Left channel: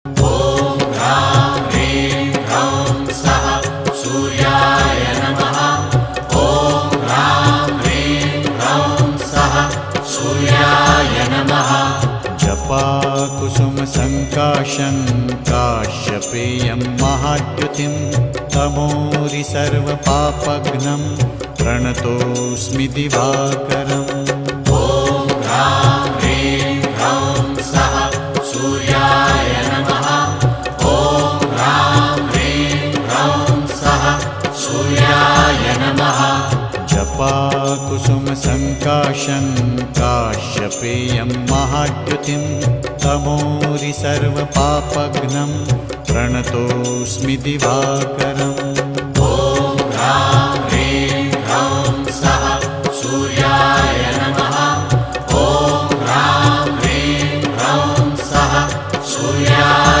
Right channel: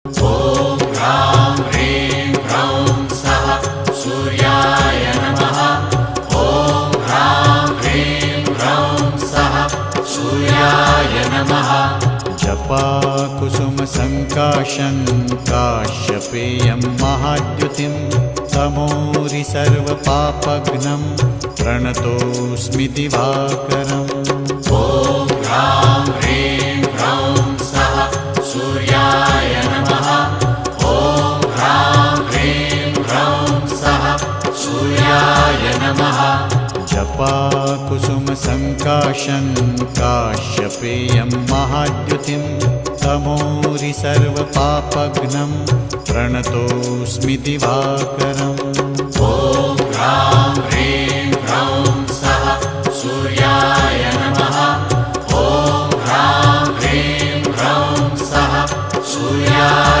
ॐ ह्रां ह्रीं ह्रौं स्वः सूर्याय नमः। ॐ ह्रां ह्रीं ह्रौं स्वः सूर्याय नमः। जपाकुसुमसङ्काशं काश्यपेयं महाद्युतिं तमोरि सर्वपापघ्नं प्रणतोऽस्मि दिवाकरम्। ॐ ह्रां ह्रीं ह्रौं स्वः सूर्याय नमः। ॐ ह्रां ह्रीं ह्रौं स्वः सूर्याय नमः। जपाकुसुमसङ्काशं काश्यपेयं महाद्युतिं तमोरि सर्वपापघ्नं प्रणतोऽस्मि दिवाकरम्।